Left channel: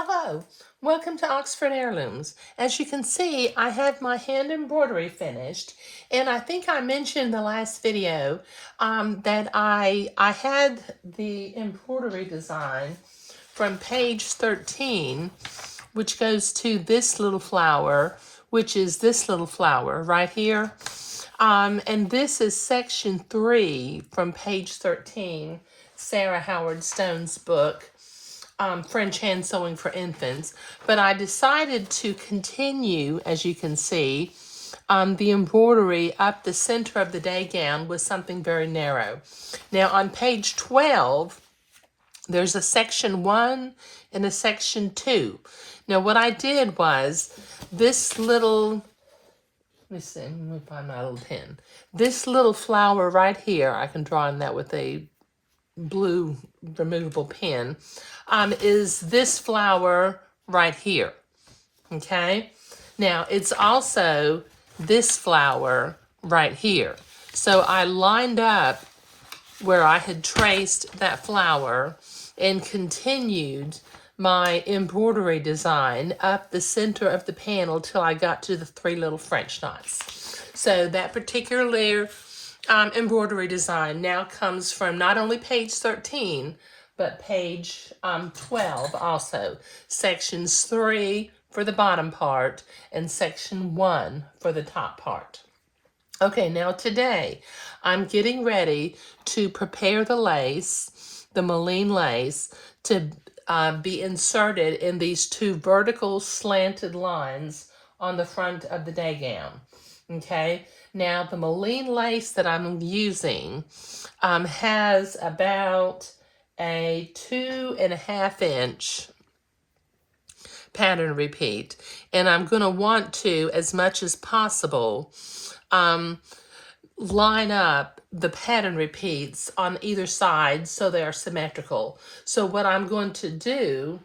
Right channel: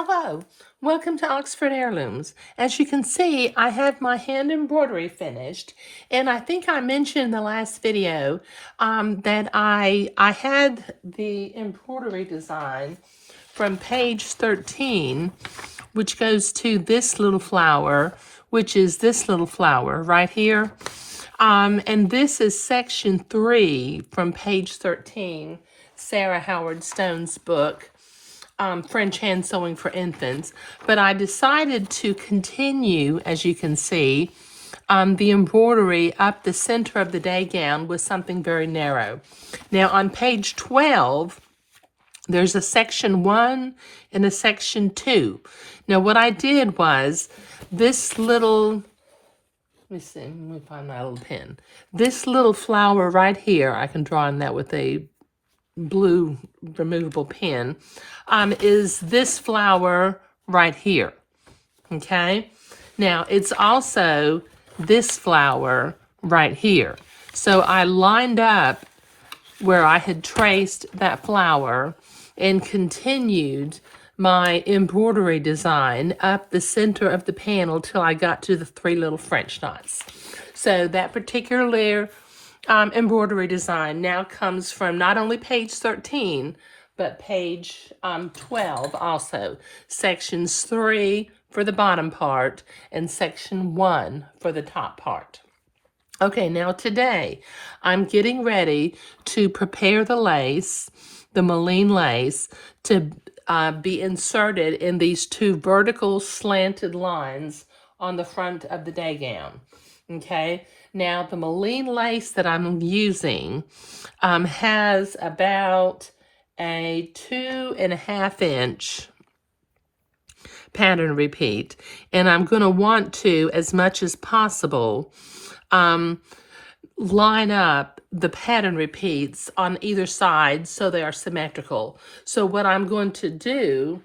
Hello, welcome to Oxford Heirlooms. As you can see, I have my hand embroidery finished, and I think I mentioned in the last video that I had the embroidery design from page 13, which goes to this little flower, which is this little flower right here. And this is section 3 from page 13, Sarah Howard Stone's book. French hand sewing for infants, but I decided to continue, as you can see, the embroidery up the center of the day gown with something very narrow. Now on page 12, there's a section 1 and a section 2. Now what I did was this little, let me see, let me find my little pen. This little flower right here, I can draw on that with a blue removable pen, is this flower right here. Okay, now it's also this flower right here. So I lined up where I had traced that flower and continued my embroidery design up the center of the panel till I got to the 3 little French knots. So that particular embroidery design now comes from not only page 13, but page 12 also. Sections 3 for the bottom part and section 1 for the top part. Okay, now today I'm getting ready to prepare the lace, the Moline lace, to be inserted in these 2 vertical slanted lines on the front of the day gown. Okay, now the Moline lace that I'm using has about a 2.5 inch pattern repeat, and I'm going to want to, as much as possible, line up the pattern repeats on either side so they are symmetrical. So what I'm going to do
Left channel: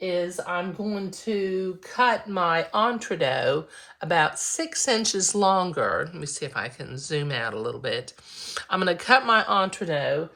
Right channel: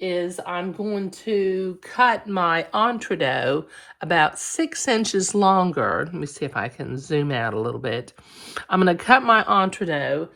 is I'm going to cut my entredeaux about 6 inches longer. Let me see if I can zoom out a little bit. I'm going to cut my entredeaux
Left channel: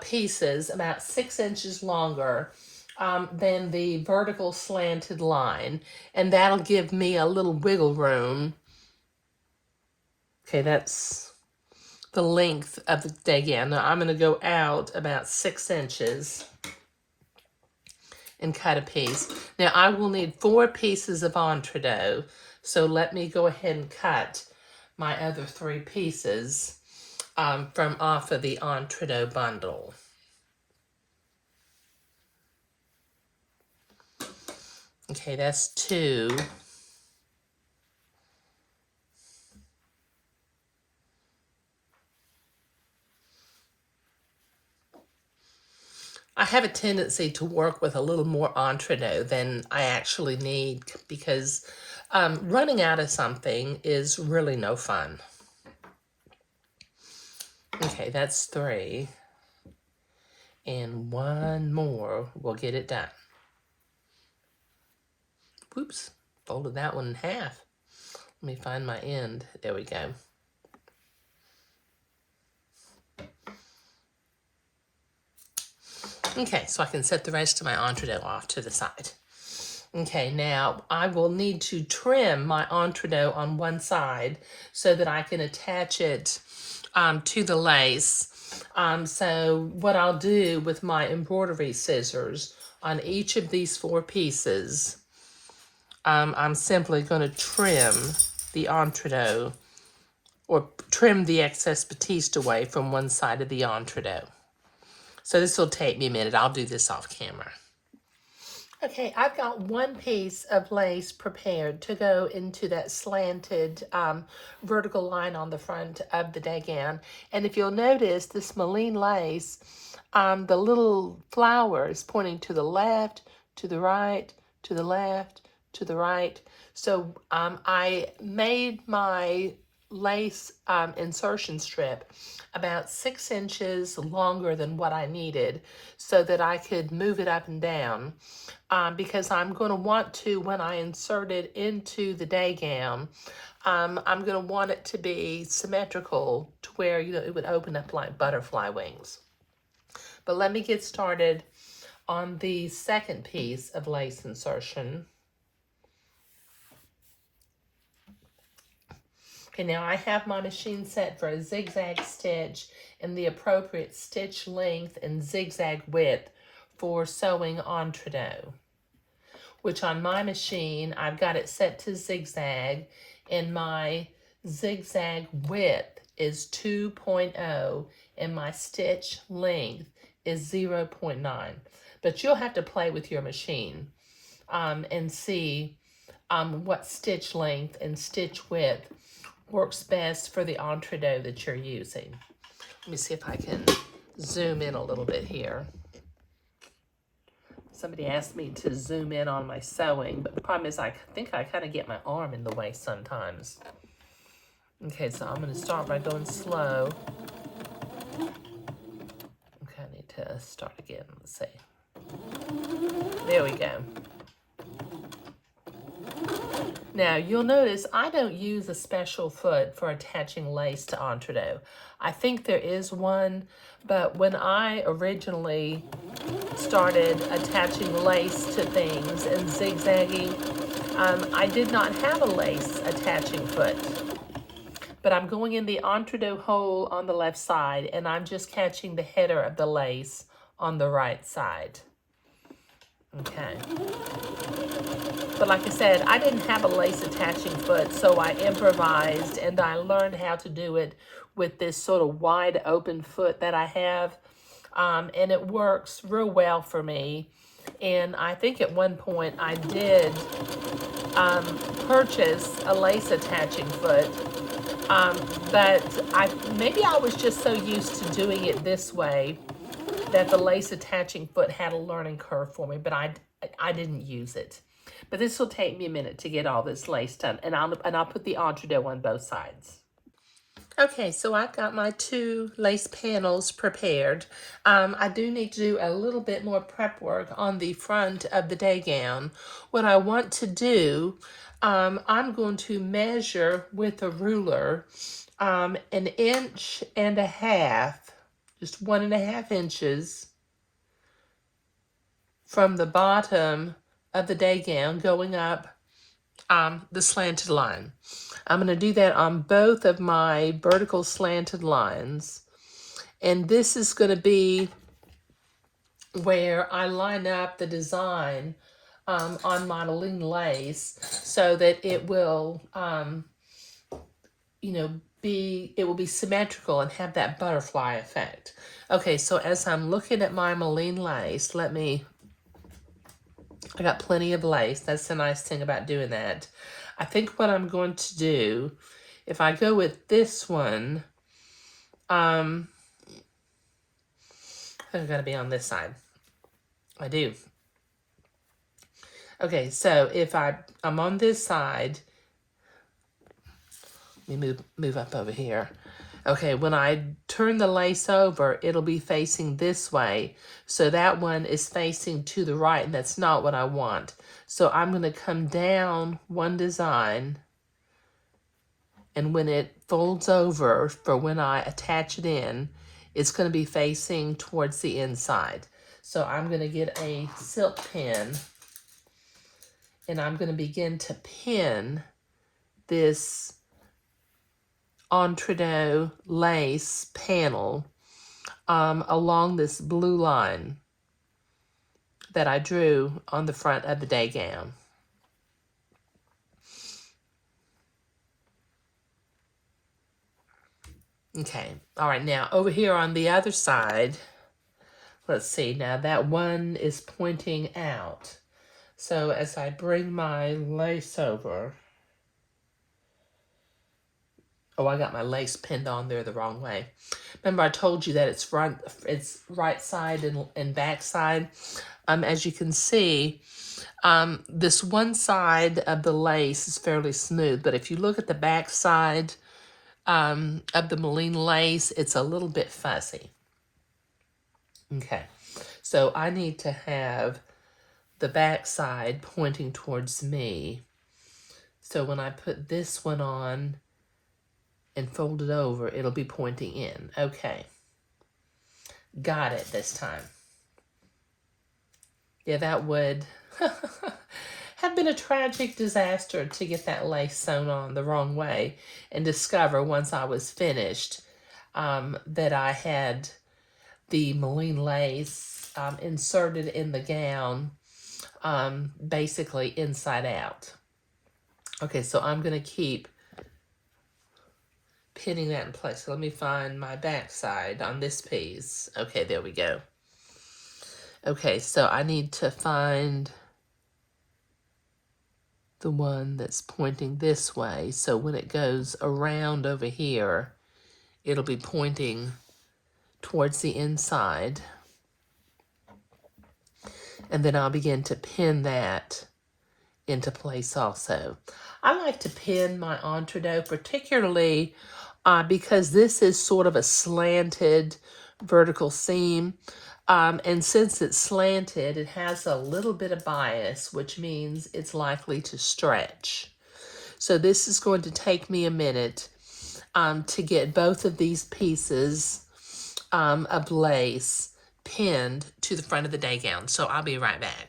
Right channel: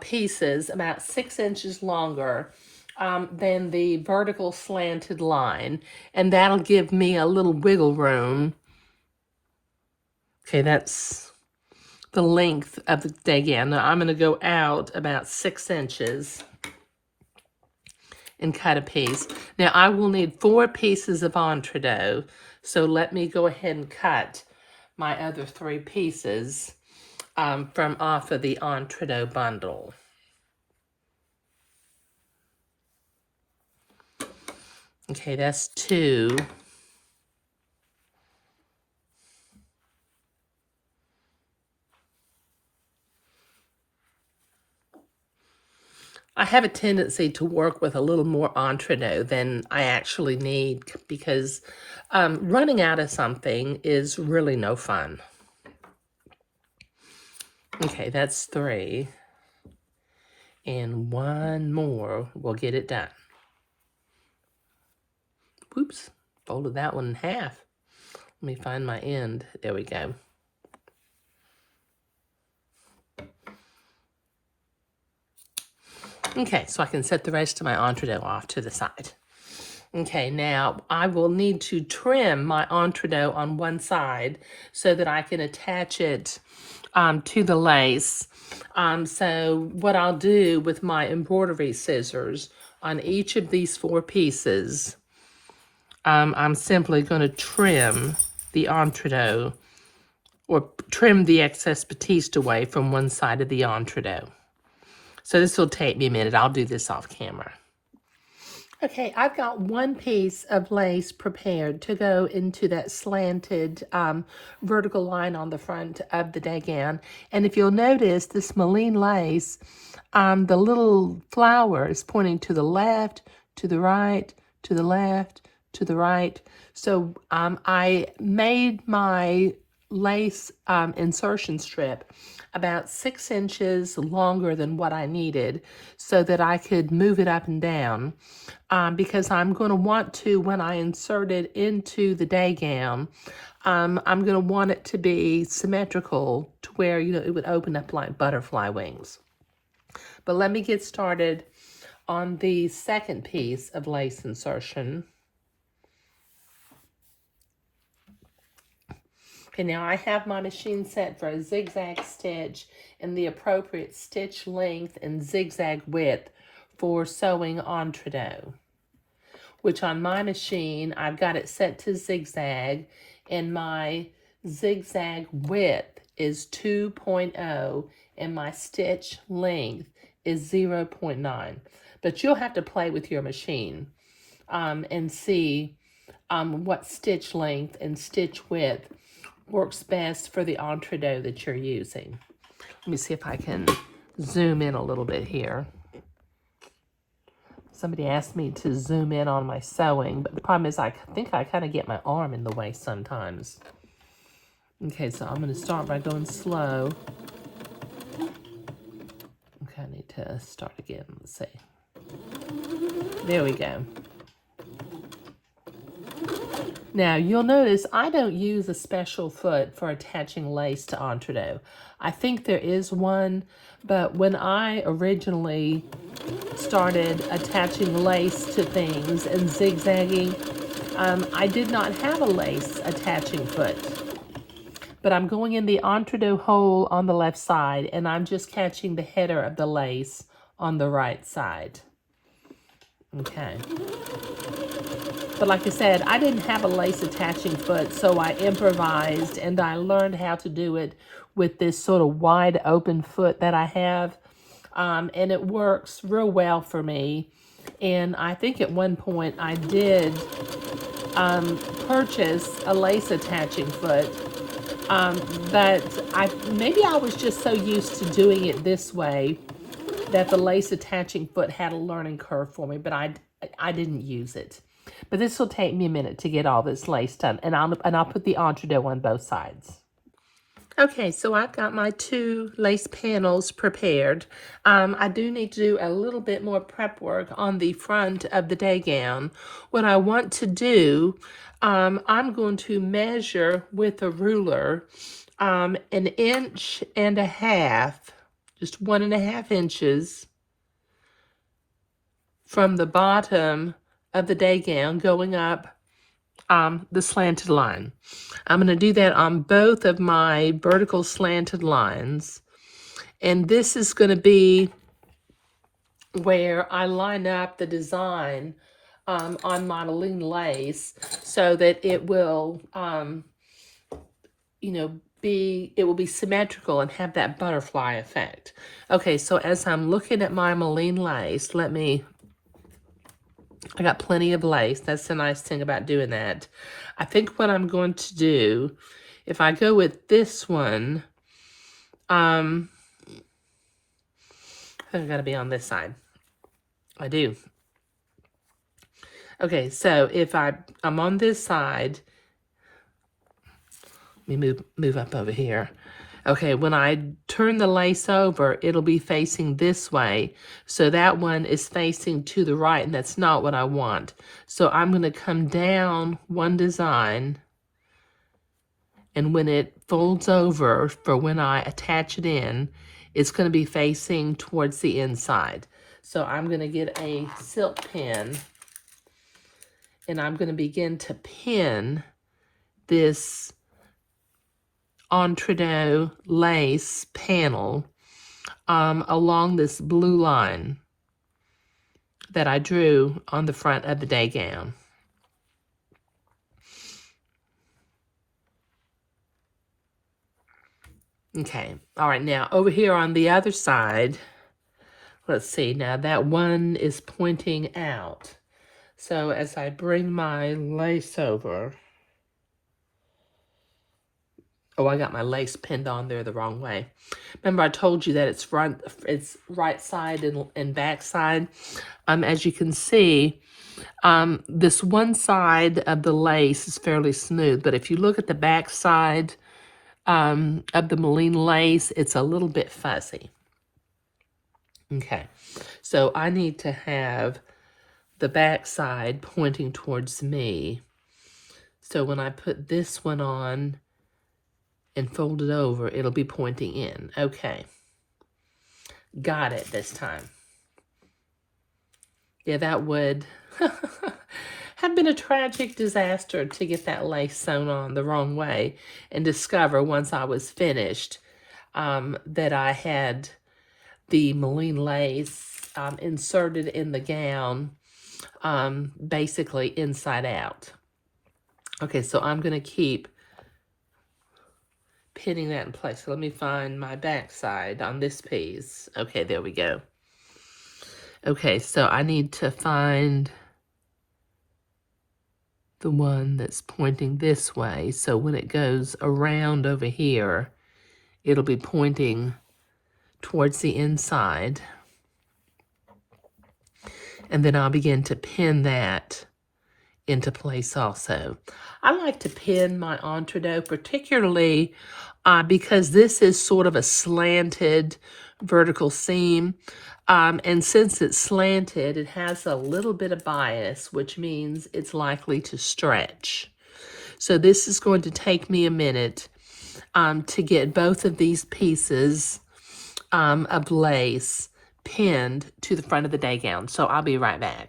pieces about 6 inches longer than the vertical slanted line, and that'll give me a little wiggle room. Okay, that's the length of the day gown. Now I'm going to go out about 6 inches and cut a piece. Now I will need 4 pieces of entredeaux, so let me go ahead and cut my other 3 pieces from off of the entredeaux bundle. Okay, that's 2. I have a tendency to work with a little more entredeaux than I actually need because running out of something is really no fun. Okay, that's 3. And 1 more will get it done. Whoops, folded that one in half. Let me find my end. There we go. Okay, so I can set the rest of my entredeaux off to the side. Okay, now I will need to trim my entredeaux on one side so that I can attach it to the lace. So what I'll do with my embroidery scissors on each of these 4 pieces, I'm simply going to trim the entredeaux or trim the excess batiste away from one side of the entredeaux. So this will take me a minute. I'll do this off camera. Okay, I've got 1 piece of lace prepared to go into that slanted vertical line on the front of the day gown. And if you'll notice, this Moline lace, the little flower is pointing to the left, to the right, to the left, to the right. So I made my lace insertion strip about 6 inches longer than what I needed so that I could move it up and down because I'm going to want to, when I insert it into the day gown, I'm going to want it to be symmetrical to where, you know, it would open up like butterfly wings. But let me get started on the second piece of lace insertion. Okay, now I have my machine set for a zigzag stitch and the appropriate stitch length and zigzag width for sewing entredeux, which on my machine, I've got it set to zigzag, and my zigzag width is 2.0 and my stitch length is 0.9. But you'll have to play with your machine and see what stitch length and stitch width works best for the entredeux that you're using. Let me see if I can zoom in a little bit here. Somebody asked me to zoom in on my sewing, but the problem is I think I kind of get my arm in the way sometimes. Okay, so I'm going to start by going slow. Okay, I need to start again. Let's see. There we go. Now, you'll notice I don't use a special foot for attaching lace to entredeux. I think there is one, but when I originally started attaching lace to things and zigzagging, I did not have a lace attaching foot. But I'm going in the entredeux hole on the left side, and I'm just catching the header of the lace on the right side. Okay. But like I said, I didn't have a lace attaching foot, so I improvised, and I learned how to do it with this sort of wide open foot that I have. And it works real well for me. And I think at one point I did purchase a lace attaching foot, but maybe I was just so used to doing it this way that the lace attaching foot had a learning curve for me, but I didn't use it. But this will take me a minute to get all this lace done, and I'll put the entredeux on both sides. Okay, so I've got my 2 lace panels prepared. I do need to do a little bit more prep work on the front of the day gown. What I want to do, I'm going to measure with a ruler 1.5 inches, just 1.5 inches from the bottom of the day gown going up the slanted line. I'm going to do that on both of my vertical slanted lines. And this is going to be where I line up the design on my Moline lace so that it will, it will be symmetrical and have that butterfly effect. Okay, so as I'm looking at my Moline lace, I got plenty of lace. That's the nice thing about doing that. I think what I'm going to do, if I go with this one, I've got to be on this side. I do. Okay, so if I'm on this side, let me move up over here. Okay, when I turn the lace over, it'll be facing this way. So that one is facing to the right, and that's not what I want. So I'm going to come down one design, and when it folds over for when I attach it in, it's going to be facing towards the inside. So I'm going to get a silk pin, and I'm going to begin to pin this entredeux lace panel along this blue line that I drew on the front of the day gown. Okay, all right, now over here on the other side, let's see, now that one is pointing out. So as I bring my lace over, oh, I got my lace pinned on there the wrong way. Remember I told you that it's right side and back side. As you can see, this one side of the lace is fairly smooth, but if you look at the back side of the Moline lace, it's a little bit fuzzy. Okay, so I need to have the back side pointing towards me. So when I put this one on and fold it over, it'll be pointing in. Okay, got it this time. Yeah, that would have been a tragic disaster to get that lace sewn on the wrong way and discover once I was finished that I had the Moline lace inserted in the gown, basically inside out. Okay, so I'm going to keep pinning that in place. Let me find my back side on this piece. Okay, there we go. Okay, so I need to find the one that's pointing this way. So when it goes around over here, it'll be pointing towards the inside. And then I'll begin to pin that into place also. I like to pin my entree, particularly because this is sort of a slanted vertical seam. And since it's slanted, it has a little bit of bias, which means it's likely to stretch. So this is going to take me a minute to get both of these pieces of lace pinned to the front of the day gown. So I'll be right back.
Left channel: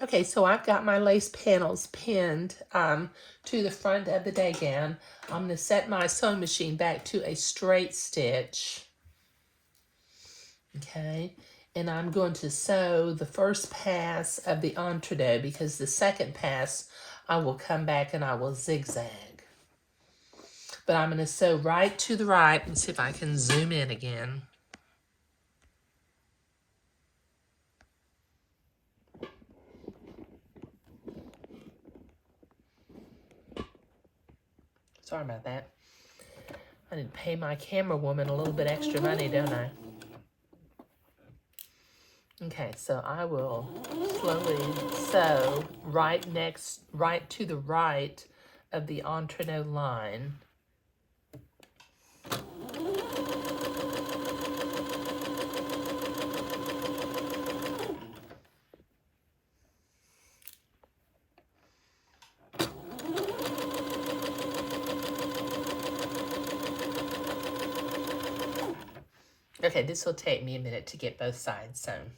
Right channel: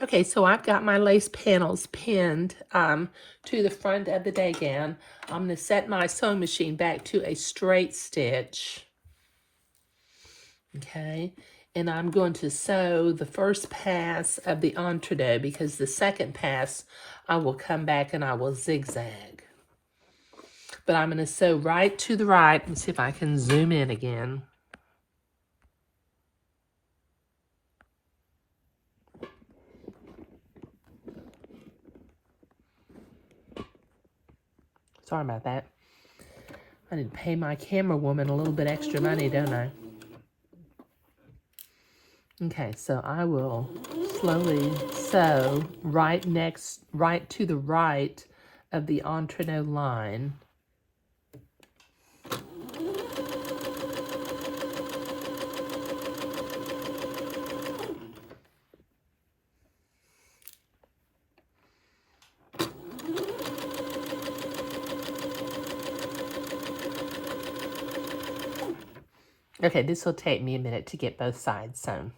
Okay, so I've got my lace panels pinned to the front of the day gown. I'm going to set my sewing machine back to a straight stitch. Okay, and I'm going to sew the first pass of the entree because the second pass I will come back and I will zigzag. But I'm going to sew right to the right. Let's see if I can zoom in again. Sorry about that. I did pay my camera woman a little bit extra money, don't I? Okay, so I will slowly sew right to the right of the entree line. Okay, this will take me a minute to get both sides sewn.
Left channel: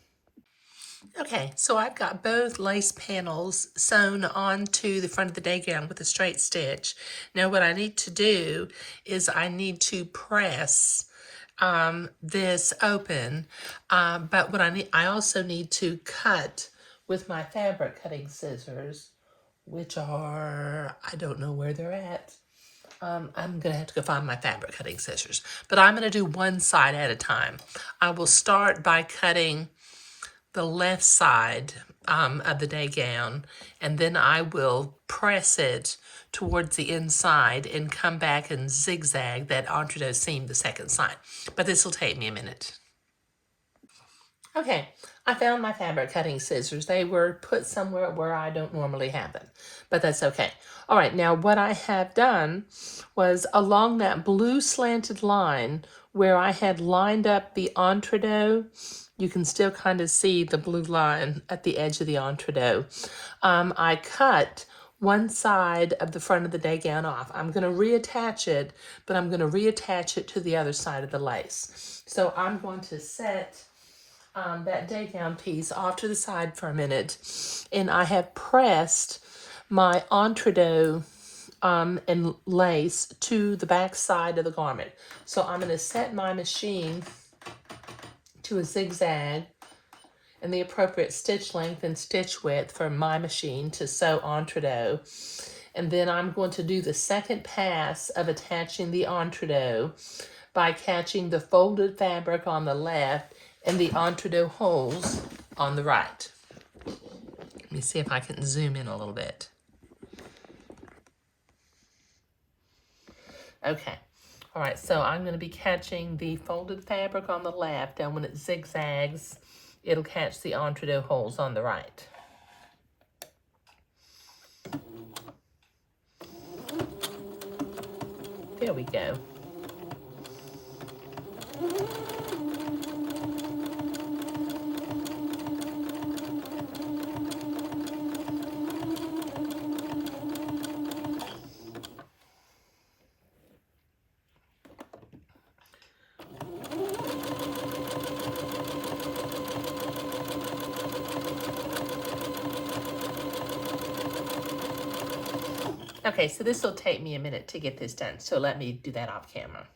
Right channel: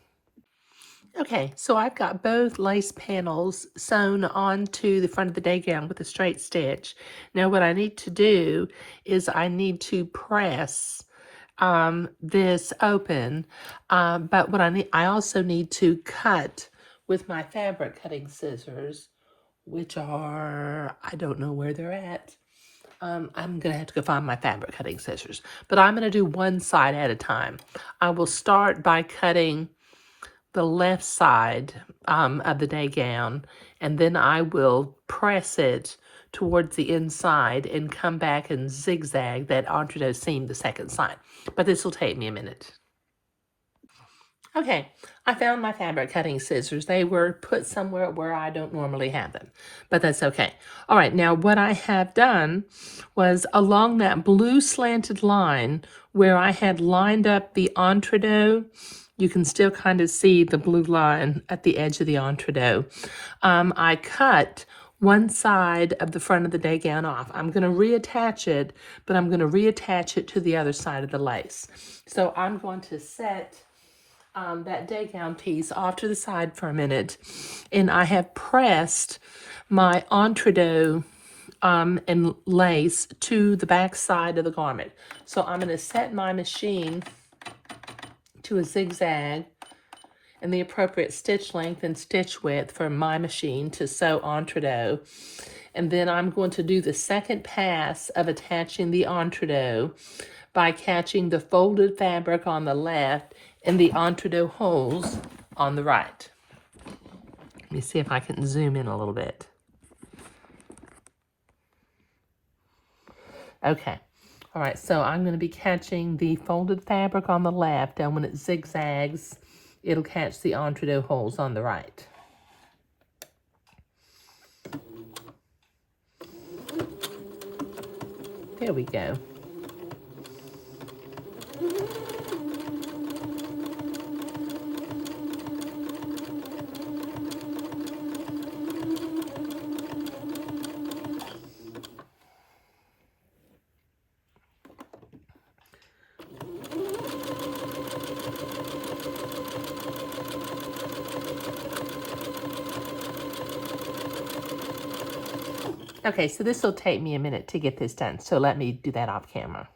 Okay, so I've got both lace panels sewn onto the front of the day gown with a straight stitch. Now what I need to do is I need to press this open, but what I also need to cut with my fabric cutting scissors, which are, I don't know where they're at. I'm going to have to go find my fabric cutting scissors, but I'm going to do one side at a time. I will start by cutting the left side of the day gown, and then I will press it towards the inside and come back and zigzag that entree seam the second side. But this will take me a minute. Okay, I found my fabric cutting scissors. They were put somewhere where I don't normally have them, but that's okay. All right, now what I have done was along that blue slanted line where I had lined up the entree, you can still kind of see the blue line at the edge of the entree. I cut one side of the front of the day gown off. I'm going to reattach it, but I'm going to reattach it to the other side of the lace. So I'm going to set that day gown piece off to the side for a minute, and I have pressed my entree and lace to the back side of the garment. So I'm going to set my machine to a zigzag and the appropriate stitch length and stitch width for my machine to sew entree. And then I'm going to do the second pass of attaching the entree by catching the folded fabric on the left and the entree holes on the right. Let me see if I can zoom in a little bit. Okay. All right, so I'm going to be catching the folded fabric on the left, and when it zigzags, it'll catch the entree holes on the right. There we go. Okay, so this will take me a minute to get this done, so let me do that off camera.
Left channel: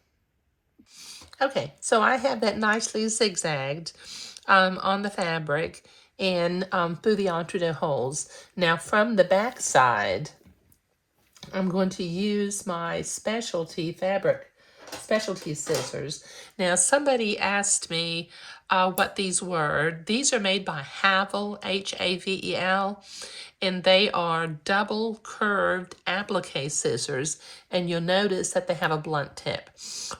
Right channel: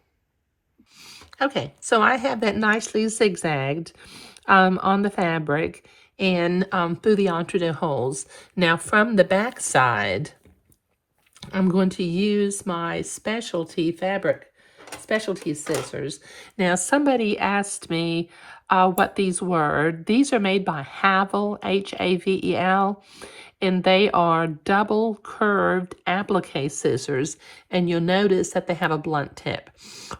Okay, so I have that nicely zigzagged on the fabric and through the entre-deux holes. Now from the back side, I'm going to use my specialty scissors. Now somebody asked me what these were. These are made by Havel, Havel, and they are double curved applique scissors, and you'll notice that they have a blunt tip.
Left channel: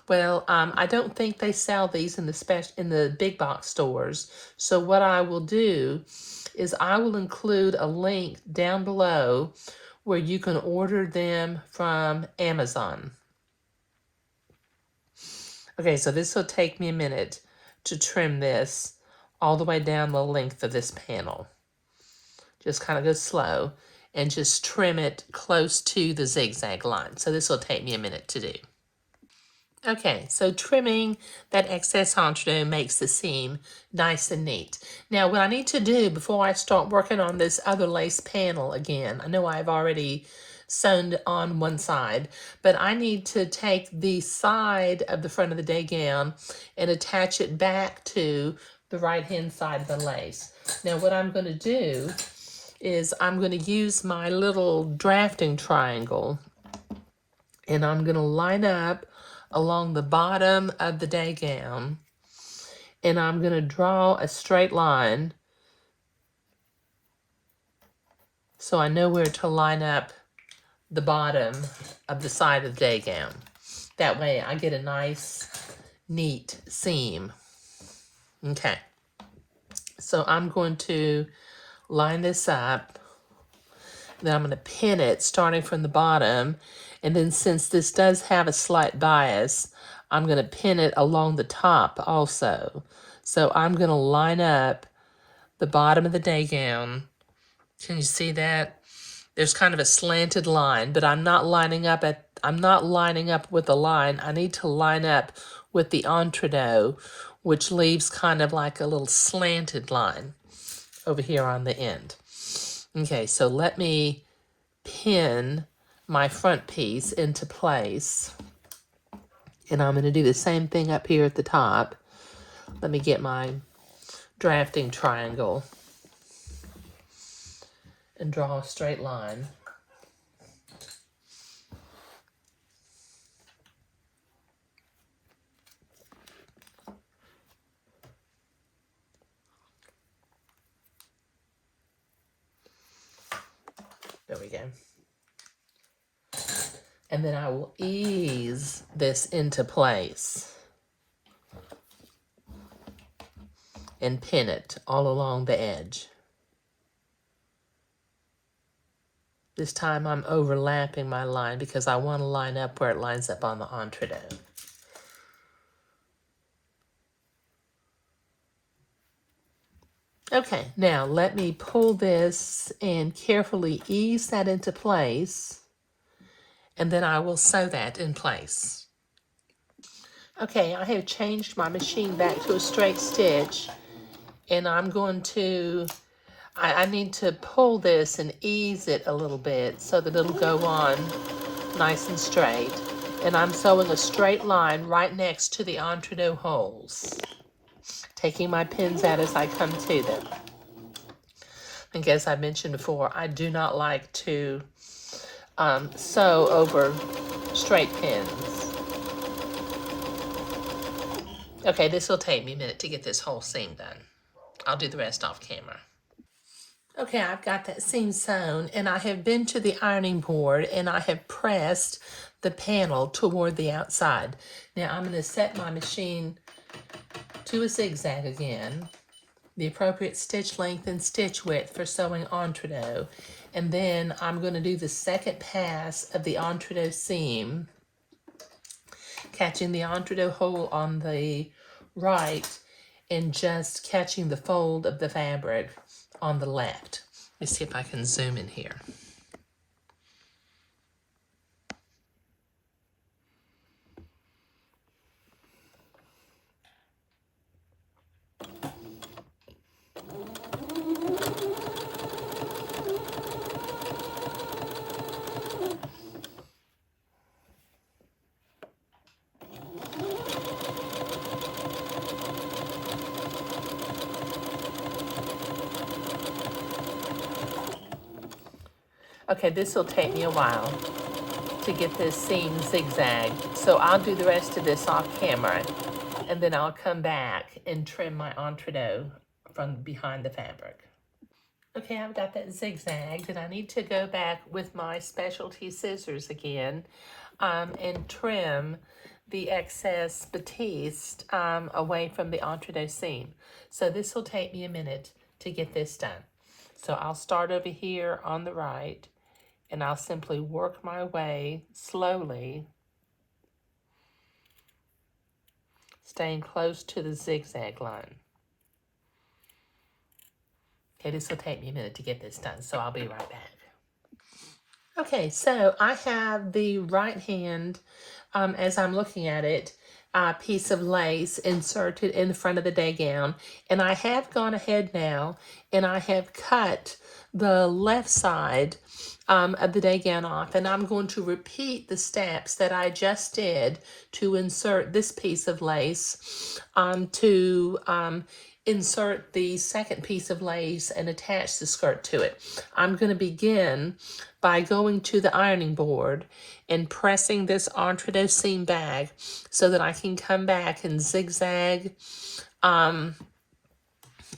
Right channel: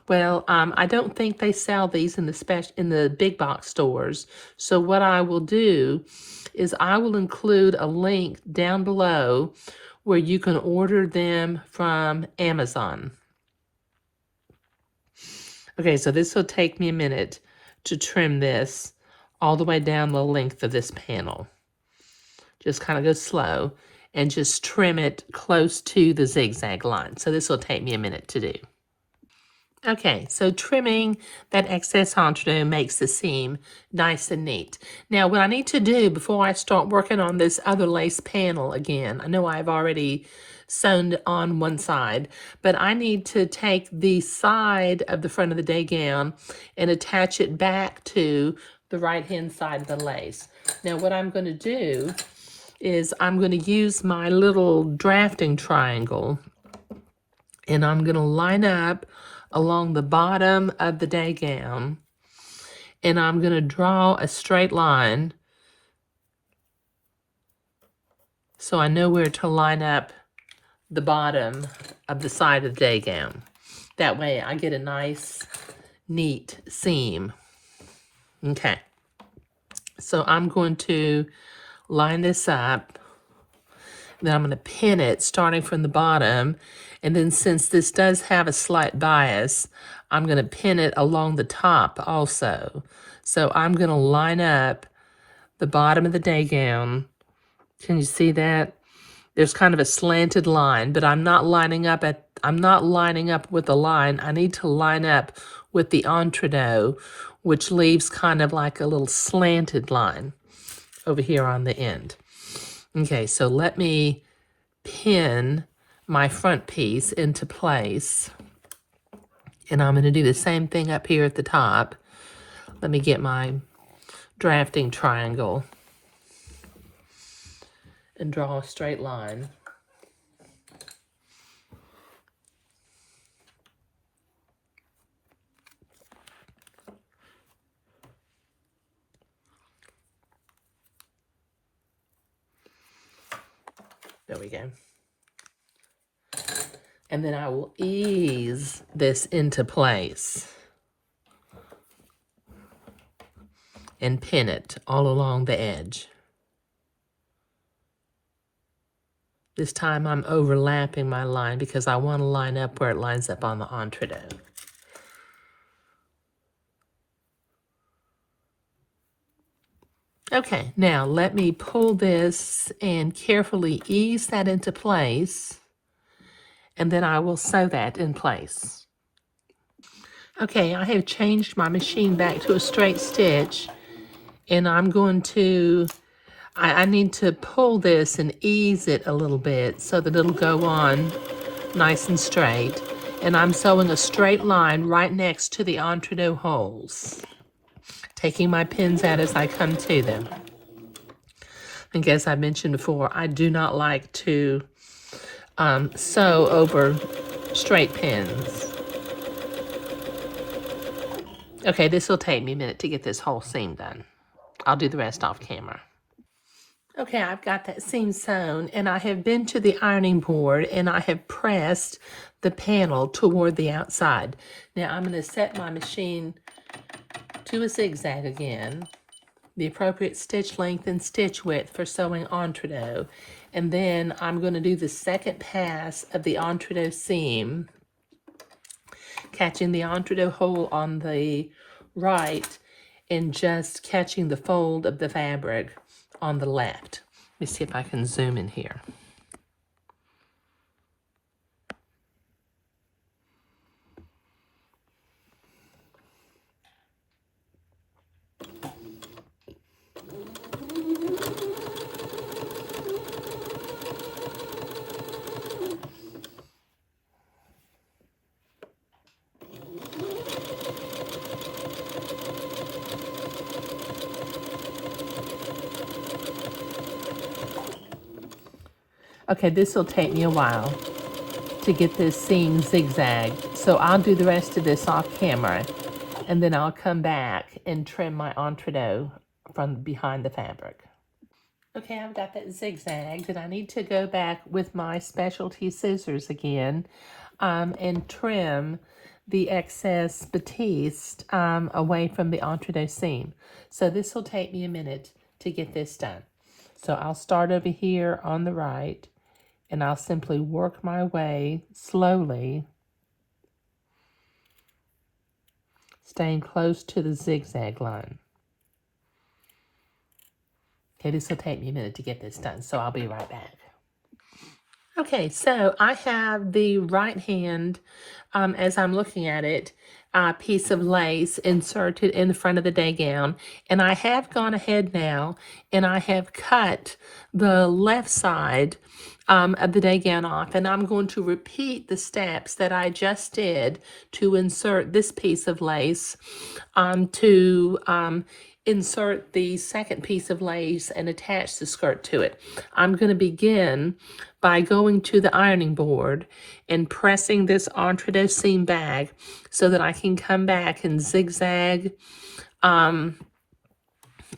Well, I don't think they sell these in the big box stores. So what I will do is I will include a link down below where you can order them from Amazon. Okay, so this will take me a minute to trim this all the way down the length of this panel. Just kind of go slow and just trim it close to the zigzag line. So this will take me a minute to do. Okay, so trimming that excess entre-deux makes the seam nice and neat. Now, what I need to do before I start working on this other lace panel again, I know I've already sewn on one side, but I need to take the side of the front of the day gown and attach it back to the right-hand side of the lace. Now, what I'm going to do is I'm going to use my little drafting triangle, and I'm going to line up along the bottom of the day gown, and I'm going to draw a straight line so I know where to line up the bottom of the side of the day gown. That way I get a nice, neat seam. Okay, so I'm going to line this up, then I'm going to pin it starting from the bottom, and then since this does have a slight bias, I'm going to pin it along the top also. So I'm going to line up the bottom of the day gown. Can you see that? There's kind of a slanted line, but I'm not lining up with the line. I need to line up with the entre-deux, which leaves kind of like a little slanted line over here on the end. Okay, so let me pin my front piece into place, and I'm going to do the same thing up here at the top. Let me get my drafting triangle and draw a straight line. There we go. And then I will ease this into place and pin it all along the edge. This time I'm overlapping my line because I want to line up where it lines up on the entre-deux. Okay, now let me pull this and carefully ease that into place, and then I will sew that in place. Okay, I have changed my machine back to a straight stitch, and I'm going to, I need to pull this and ease it a little bit so that it'll go on nice and straight. And I'm sewing a straight line right next to the entre-deux holes, taking my pins out as I come to them. And as I mentioned before, I do not like to sew over straight pins. Okay, this will take me a minute to get this whole seam done. I'll do the rest off camera. Okay, I've got that seam sewn, and I have been to the ironing board and I have pressed the panel toward the outside. Now I'm going to set my machine to a zigzag again, the appropriate stitch length and stitch width for sewing entre-deux, and then I'm going to do the second pass of the entre-deux seam, catching the entre-deux hole on the right and just catching the fold of the fabric on the left. Let me see if I can zoom in here. Okay, this will take me a while to get this seam zigzagged. So I'll do the rest of this off camera, and then I'll come back and trim my entree from behind the fabric. Okay, I've got that zigzagged, and I need to go back with my specialty scissors again and trim the excess batiste away from the entree seam. So this will take me a minute to get this done. So I'll start over here on the right, and I'll simply work my way slowly, staying close to the zigzag line. Okay, this will take me a minute to get this done, so I'll be right back. Okay, so I have the right hand, as I'm looking at it, piece of lace inserted in the front of the day gown, and I have gone ahead now and I have cut the left side of the day gown off, and I'm going to repeat the steps that I just did to insert this piece of lace to insert the second piece of lace and attach the skirt to it. I'm going to begin by going to the ironing board and pressing this entree seam back so that I can come back and zigzag and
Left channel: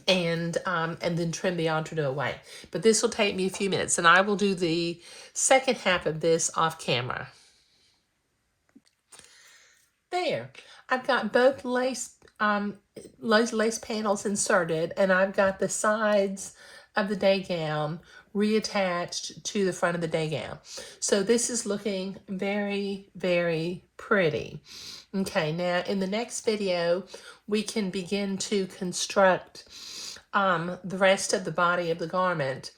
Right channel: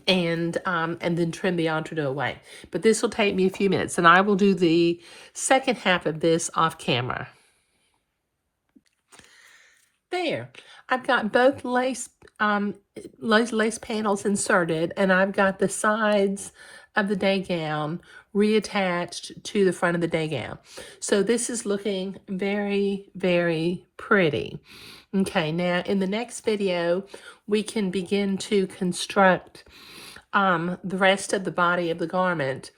then trim the entree away. But this will take me a few minutes, and I will do the second half of this off camera. There, I've got both lace panels inserted, and I've got the sides of the day gown reattached to the front of the day gown. So this is looking very, very pretty. Okay, now in the next video, we can begin to construct the rest of the body of the garment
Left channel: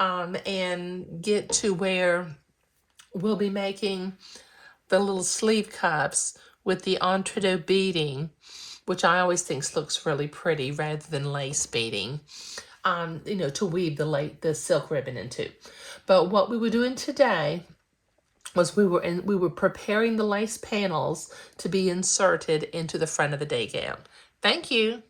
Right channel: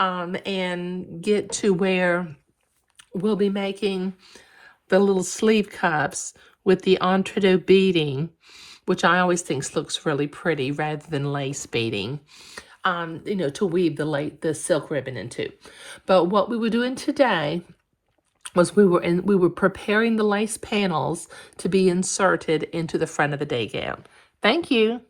and get to where we'll be making the little sleeve cuffs with the entree beading, which I always think looks really pretty rather than lace beading, to weave the silk ribbon into. But what we were doing today was we were preparing the lace panels to be inserted into the front of the day gown. Thank you.